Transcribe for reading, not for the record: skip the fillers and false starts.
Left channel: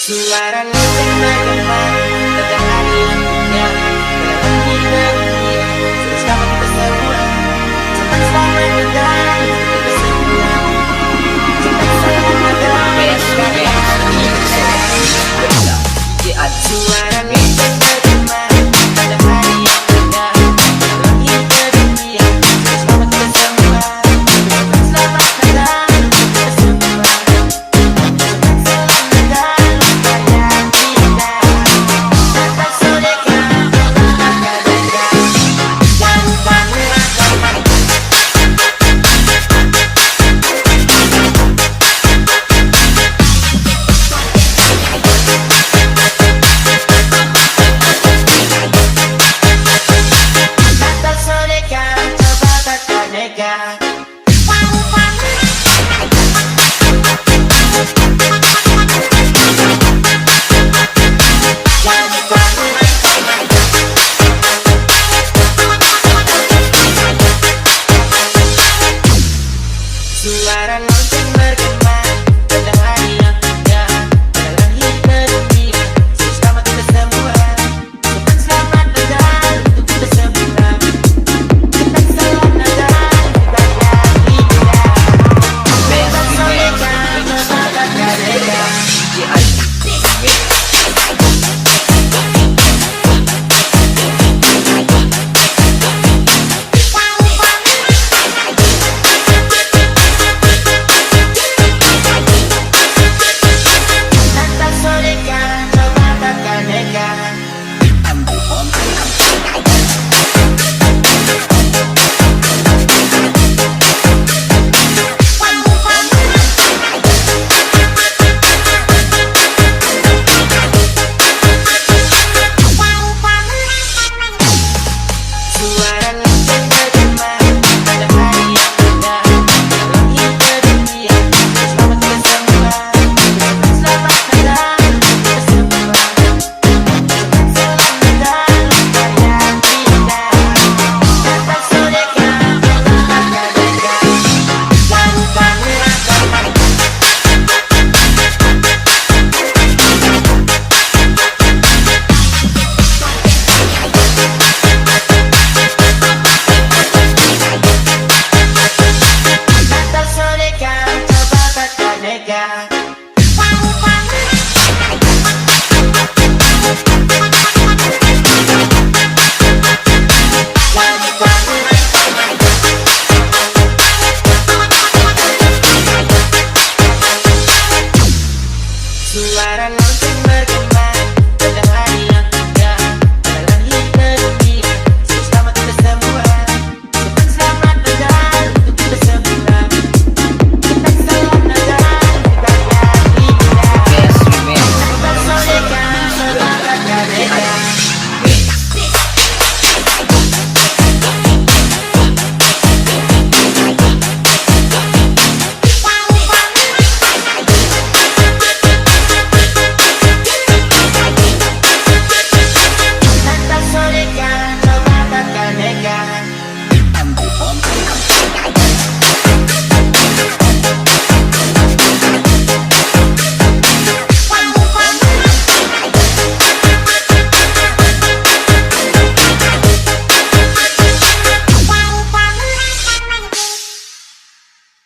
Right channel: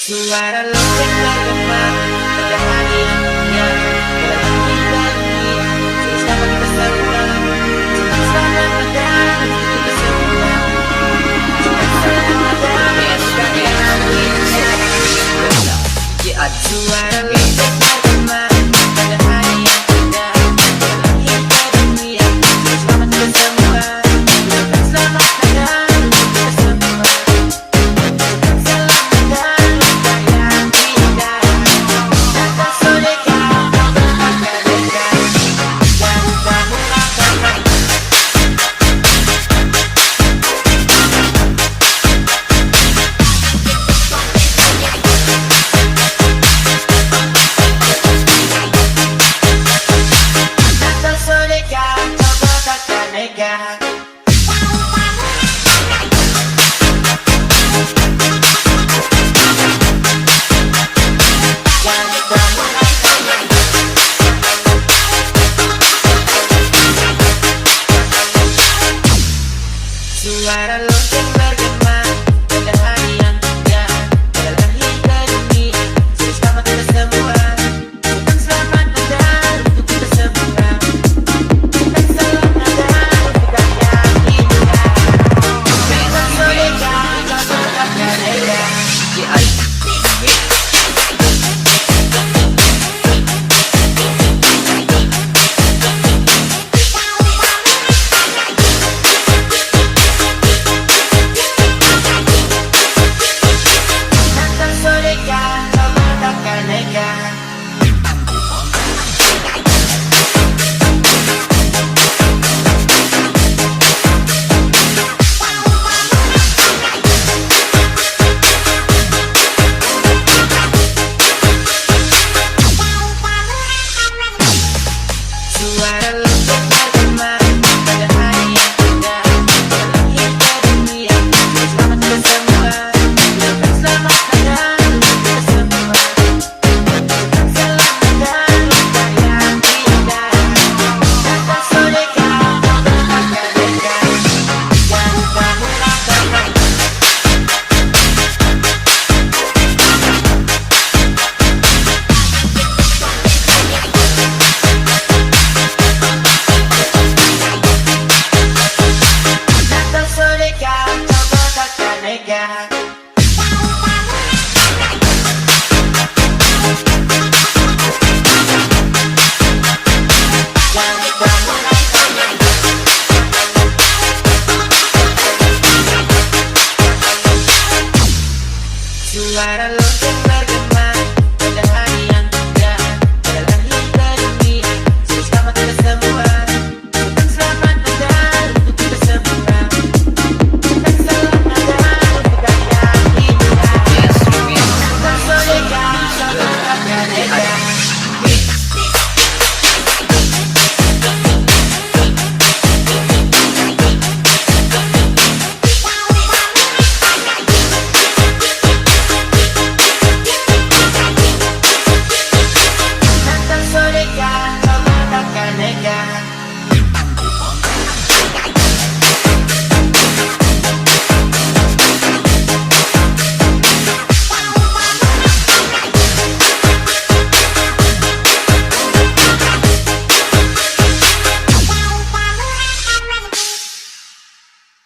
Suara lonceng bergema pada hari yang indah dalam kita ini. Bersama kita semua, cepat selamat datang kita semua. Cepat selamat datang suara lonceng bergema pada hari yang indah dalam kita dunia. Bersama kita semua, cepat selamat datang kita semua. Suara lonceng bergema pada hari yang indah dalam kita dunia. Bersama kita semua, cepat selamat datang untuk kita semua. Cepat selamat datang budaya indah. Memang soleka, memang kakaneka. Suara lonceng bergema pada hari yang indah dalam kita dunia. Bersama kita semua, cepat selamat datang untuk kita semua. Cepat selamat datang budaya indah. Kata soleka, memang kakaneka. Yang kami rasakan. Kata soleka, coba kakaneka. Yang kami rasakan. Suara lonceng bergema